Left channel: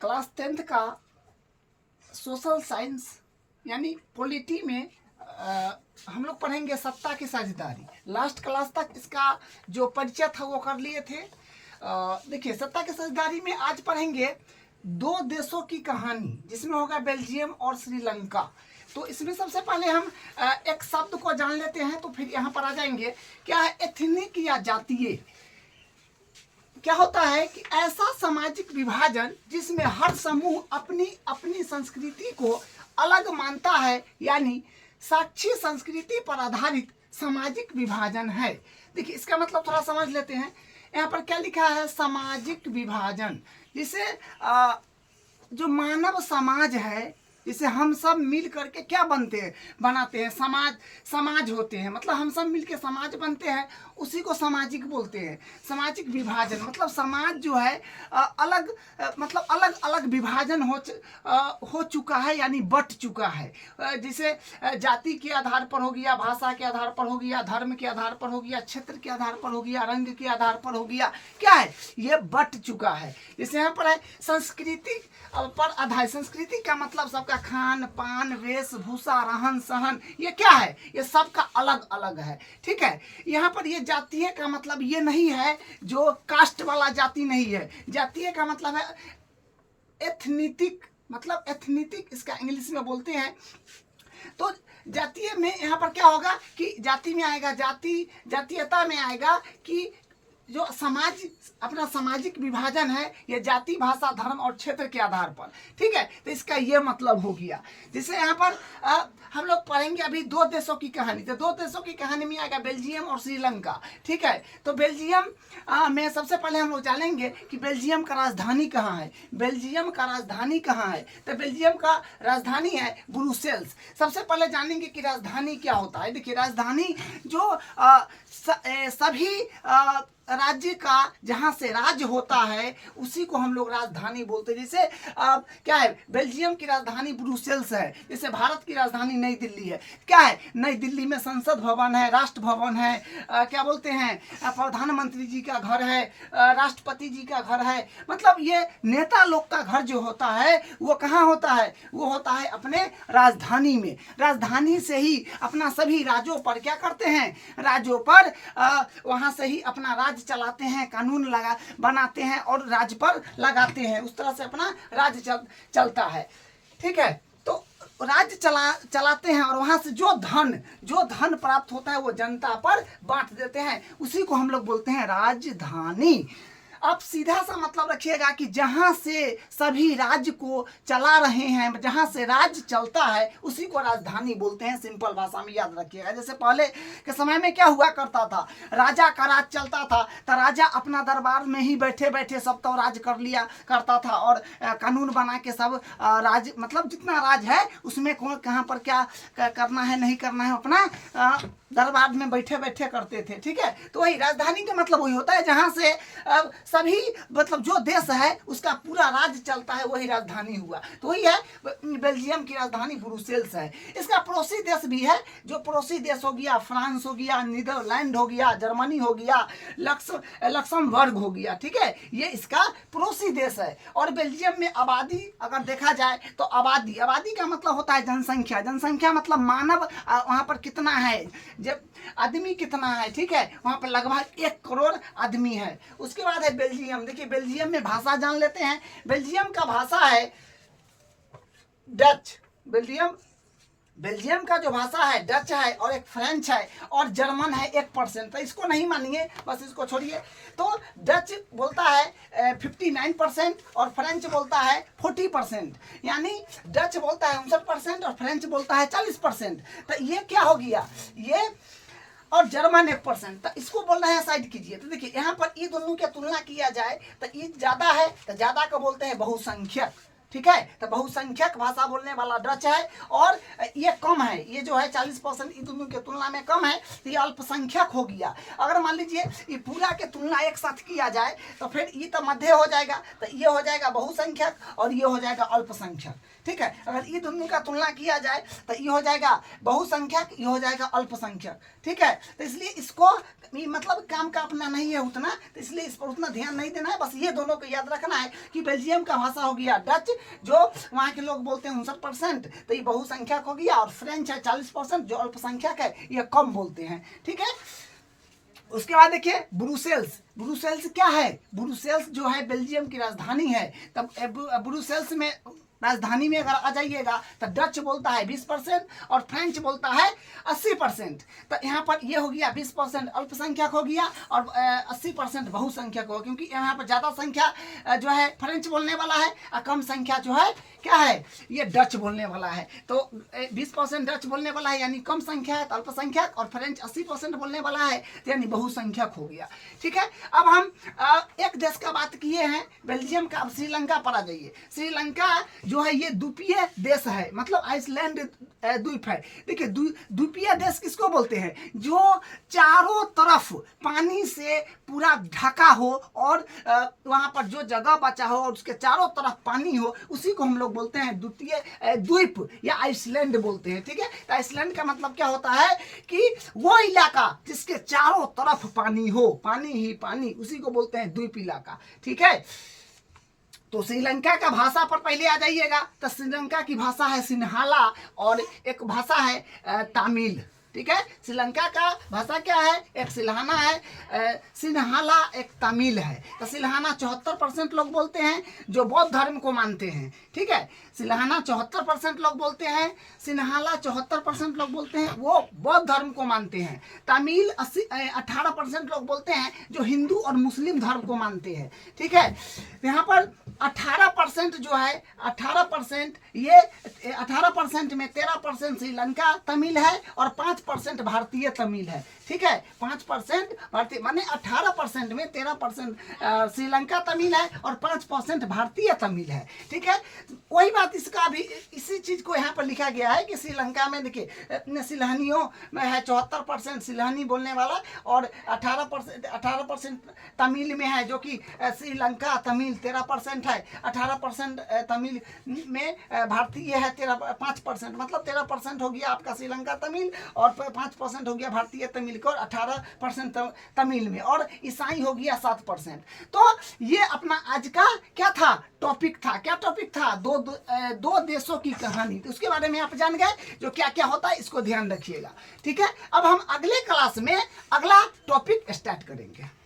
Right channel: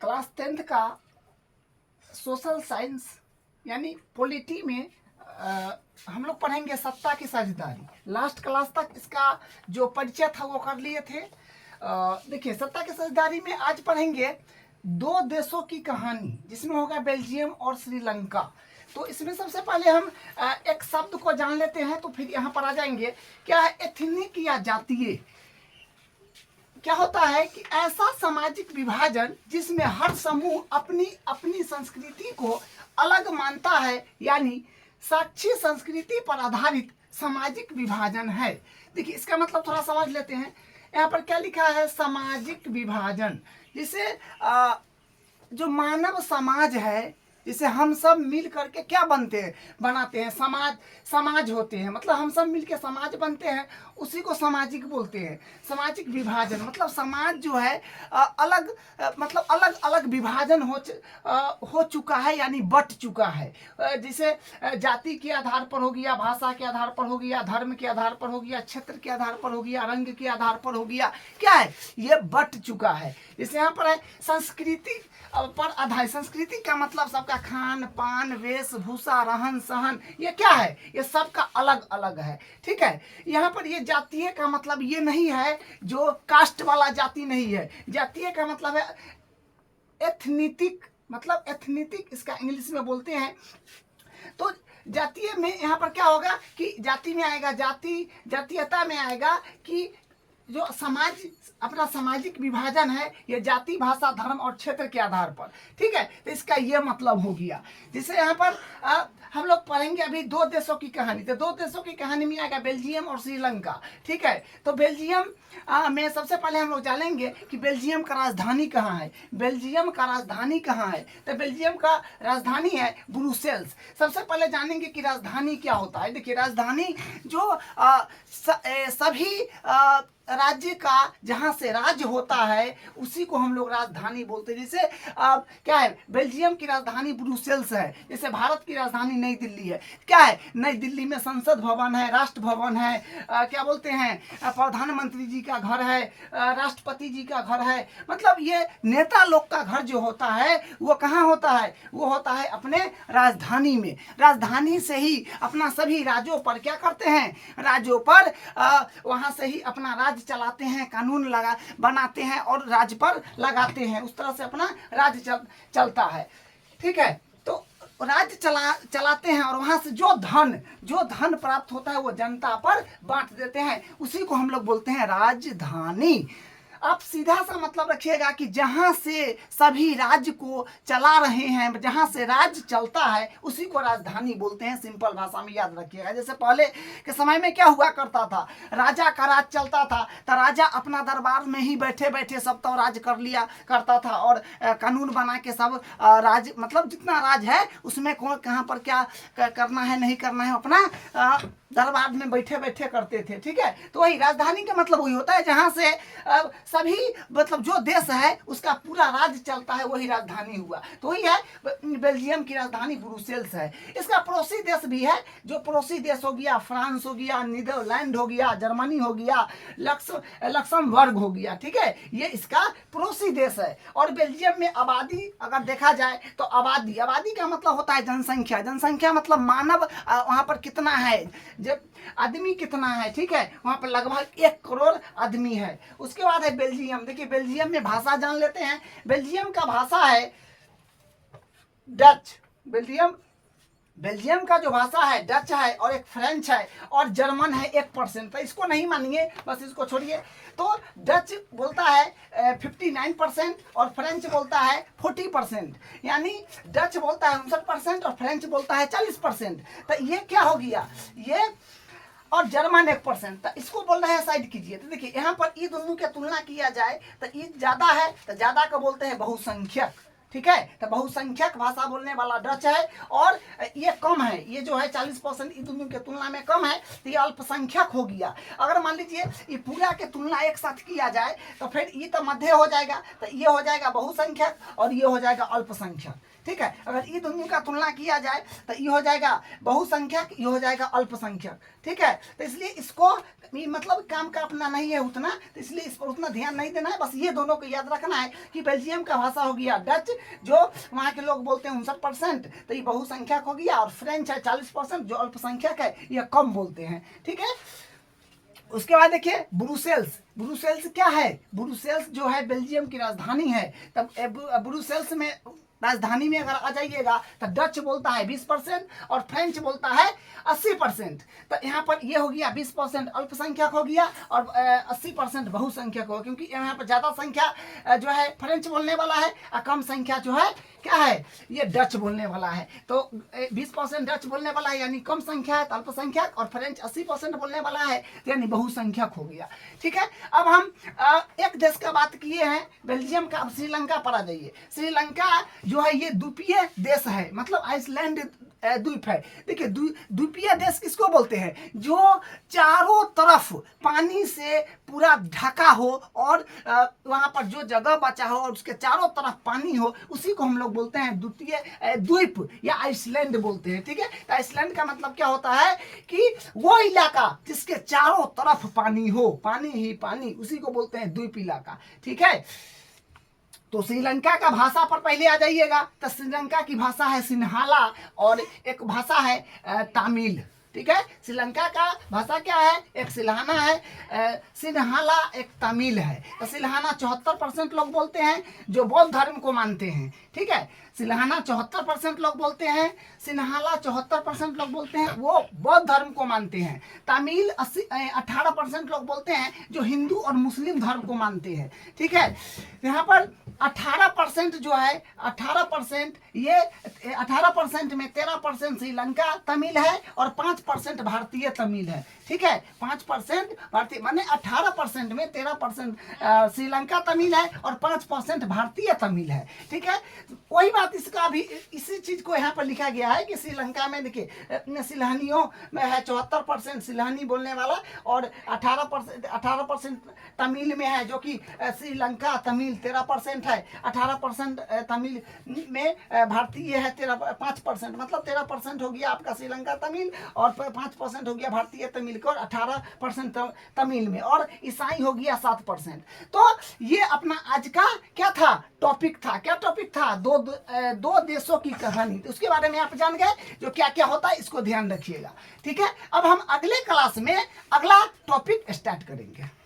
Class 10th का social science यानी polity में हम लोग पढ़ेंगे सत्ता की साझेदारी। लास्ट क्लास तक इसका जो परिचय था वो कर लिए थे। देखिए, सत्ता की साझेदारी में आज पढ़ेंगे दो देशों की कहानी, जिसमें होगा बेल्जियम और श्रीलंका। तो इसमें सबसे पहले हम एक शब्द को जान लेते हैं, तो फिर यहाँ पर आ जाएंगे। क्या है एथनिक या जातीय? क्या होता है कि ऐसा सामाजिक विभाजन जिसमें हर समूह अपनी अपनी संस्कृति को अलग मानता है, यानी साक्षी संस्कृति पर आधारित सामाजिक विभाजन है। देखिए, इसका मतलब थोड़ा समझ लेते हैं। यहाँ पर क्या लिखा है? सामाजिक विभाजन, जिसे जो मानव समाज है, जिसे हम सब मिल करके क्या बनते हैं, बनाते हैं, समाज होते हैं। मतलब हम सब मिल के समाज बनते हैं, उसी को सामाजिक बोलते हैं। सामाजिक विभाजन मतलब समाज जो है मतलब अलग अलग विभाजन हो चुका है, यानी बट चुका है। जिसे जाति के आधार पर हो गया, भाषा के आधार पर हो गया, धर्म के आधार पर हो गया, क्षेत्र के आधार पर हो गया, रंग के आधार पर हो गया। क्या है? ये बट चुका है। जैसे यहाँ पर है संस्कृति पर आधारित। संस्कृति का मतलब सबका खान पान, वेशभूषा, रहन सहन, ये क्या है? ये सबका अलग अलग है। ठीक है। यहाँ पर ये जातीय का मतलब ये नहीं है जो कास्ट वाला जाति नहीं है। जातीय का मतलब है एथनिटिक, मतलब एथनिटिक इसका इंग्लिश में बोलते हैं। तो जातीय में यहाँ पर क्या होगा कि जाति में आएगा, जातीयता में आएगा कि जो समाज अपना सामाजिक विभाजन है, ये जाति, भाषा, धर्म और क्षेत्र के आधार पर। ठीक है। तो इसका ये मतलब हो गया। जिसे यहाँ पर हम लोग पढ़ेंगे अभी दो देशों की कहानी। तो दो देशों की कहानी में आएगा बेल्जियम और श्रीलंका। ठीक है। तो बेल्जियम में सबसे पहले हम लोग जानेंगे कि बेल्जियम का राजधानी कहाँ है। बेल्जियम का राजधानी कहाँ है? तो बेल्जियम का राजधानी है ब्रुसेल्स। सबसे पहले जानेंगे कि राजधानी क्या होता है। देखिए, राजधानी जो सभी राज्य का जहाँ से राज्य होता है, उसी को हम लोग राजधानी बोलते हैं। जैसे क्या है, बेल्जियम की राजधानी ब्रुसेल्स है। जैसे भारत की राजधानी नई दिल्ली है। क्या है? नई दिल्ली में संसद भवन है, राष्ट्र भवन है, क्या बोलते हैं, प्रधानमंत्री जी का घर है, राष्ट्रपति जी का घर है। मतलब ये नेता लोग का घर जो होता है वो कहाँ होता है? वो होता है अपने राजधानी में। राजधानी से ही अपना सभी राज्यों पर क्या करते हैं? राज्यों पर वहाँ से ही अपना राज्य चलाते हैं, कानून बनाते हैं और राज्य पर लगाते हैं। उस तरह से अपना राज्य चलता है। ठीक है। तो राज्य चलाते हैं और वहां से जो धन प्राप्त होता है वो जनता पर बांट देते हैं। उसी को हम लोग बोलते हैं राजधानी। आप सीधा सा मतलब रखिएगा कि जहां से सभी राज्य को चला रहे हैं, जहां से राज्य चलता है, उसी को राजधानी बोलते हैं। सिंपल भाषा में याद रखिएगा। जैसे पहले के समय में क्या हुआ करता था, राजा का राज चलता था, तो राजा अपना दरबार में ही बैठे बैठे सब तो राज कर लिया करता था और कानून बना के सब राज, मतलब जितना राज है उसमें कौन कहाँ पर क्या करना है नहीं करना है, अपना दरबार में बैठे बैठे करते थे। ठीक है। तो वही राजधानी का मतलब वही होता है जहां से सभी, मतलब जो देश है उसका पूरा राज्य चलता है, वही राजधानी हुआ। तो वही है बेल्जियम की राजधानी ब्रुसेल्स है। इसका पड़ोसी देश भी है। जो पड़ोसी देश हो गया, फ्रांस हो गया, नीदरलैंड हो गया, जर्मनी हो गया, लक्समबर्ग हो गया। ठीक है। ये इसका पड़ोसी देश है। और बेल्जियम में आबादी अगर देखा जाए तो आबादी का मतलब होता है जनसंख्या। जनसंख्या मतलब मानव वहां पर कितना है, जब आदमी कितना है। ठीक है। वहां पर लगभग 1 करोड़ आदमी है। उसके बाद है बेल्जियम। देखिए, बेल्जियम में भाषा जान लेते हैं। बेल्जियम का भाषा है डच। बेल्जियम का जो भाषा है डच है, और एक फ्रेंच है, और जर्मन है 1%। तो इसको नहीं मानिए, बस इसको छोड़िए। तो डच बोलता है 59% और फ्रेंच बोलता है 40%। यानी डच बोलता है 59% और फ्रेंच बोलता है 40%। तो ये क्या हो गया, ये और जर्मन 1%। तो इसको बोल रहे हैं साइड कीजिए। तो देखिए, यहाँ पर ये दोनों की तुलना किया जाए तो ये ज्यादा है, तो ज्यादा का बोलते हैं बहुसंख्यक। ठीक है। तो बहुसंख्यक भाषा बोलने वाला डच है, और ये कम है, ये जो है 40% इन दोनों की तुलना में कम है, तो ये अल्पसंख्यक हो गया। अगर मान लीजिए ये पूरा के तुलना एक साथ किया जाए तो फिर ये तो मध्य हो जाएगा, तो ये हो जाएगा बहुसंख्यक और ये हो जाएगा अल्पसंख्यक, ठीक है। अगर ये दोनों का तुलना किया जाए तो ये हो जाएगा बहुसंख्यक, ये हो जाएगा अल्पसंख्यक, ठीक है। तो इसलिए इसको मतलब काम का अपना नहीं है उतना, तो इसलिए इस पर उतना ध्यान नहीं देना है। बस ये दोनों को याद रखना है कि बेल्जियम का भाषा हो गया डच, जो वहाँ के लोग बोलते हैं 59%, तो ये बहुसंख्यक हो गया, और फ्रेंच है 40% जो अल्पसंख्यक है, ये कम बोलते हैं, ठीक है। उसके बाद देखिए ब्रुसेल्स। ब्रुसेल्स क्या है? ब्रुसेल्स जो है बेल्जियम की राजधानी है। तब ब्रुसेल्स में राजधानी में अगर आ जाइएगा तो डच बोलता है 20% और फ्रेंच बोलता है 80%। तो यहाँ पर ये हो गया 20% अल्पसंख्यक हो गया और 80% बहुसंख्यक हो, क्योंकि यहाँ पर ज़्यादा संख्या जो है फ्रेंच बोलने वाला है और कम संख्या जो है क्या है, ये डच बोलने वाला है। तो 20% डच बोलने वाला है यानी कम संख्या है तो अल्पसंख्यक, और फ्रेंच 80% बोलने वाला है तो यानी बहुसंख्यक हो गया, ठीक है। अब हम एक देश का बात किए हैं बेल्जियम का, अब श्रीलंका पर आ जाइए। श्रीलंका जो है ये द्वीपीय देश है, मतलब आइसलैंड द्वीप है। देखिए द्वीपीय देश किसको बोलते हैं? जो चारों तरफ पानी से पूरा ढका हो और वहाँ पर जो जगह बचा हो और उसके चारों तरफ पानी हो, उसी को हम लोग बोलते हैं द्वितीय द्वीप या आइसलैंड बोलते हैं, ठीक है। तो आइसलैंड का मतलब क्या होता है कि वो इलाका जिसके चारों तरफ पानी हो, पानी ही पानी, उसी को बोलते हैं द्वीप इलाका, ठीक है। तो श्रीलंका का भाषा पर पहले आ जाइएगा। तो श्रीलंका की भाषा है सिन्हाला और एक भाषा है तमिल, ठीक है। श्रीलंका का भाषा क्या है? एक सिल्हाना है, सिन्हाला एक तमिल है। तो सिल्हाना 74% लोग बोलते हैं जो बौद्ध धर्म को मानते हैं, ठीक है। सिल्हाना 74% लोग बोलते हैं, सिन्हाला 74% लोग बोलते हैं वो बौद्ध धर्म को मानते हैं। तमिल 18% लोग बोलते हैं जो हिंदू और मुस्लिम धर्म को मानते हैं, ठीक है। यहाँ पर 18% जो है 18%, ये 18% में 13% श्रीलंका तमिल है और 5% भारतीय तमिल है, ठीक है। 5% भारतीय, माने 18% में 13% श्रीलंका तमिल है और 5% भारतीय तमिल है, ठीक है। वही बात इसका भी, इसी चीज को यहाँ पर लिखा गया है कि श्रीलंका में देखिए सिल्हानियों में है 74% सिल्हानी बोलने वाला और 18% तमिल में है, जो कि श्रीलंका तमिल 13% है। 18% तमिल में भारतीय है 5%, मतलब 13% हो गया आपका श्रीलंका तमिल और 5% हो गया भारतीय तमिल और 18% तमिल में, और ईसाई हो गया 7%। तो ये अपना आज का क्या था टॉपिक था, क्या टॉपिक था? दो देशों की कहानी। तो उसके बारे में आप जान गए जो क्या क्या होता है, इसको ध्यान रखिएगा, ठीक है। अब हम अगले क्लास में अगला टॉपिक स्टार्ट करेंगे।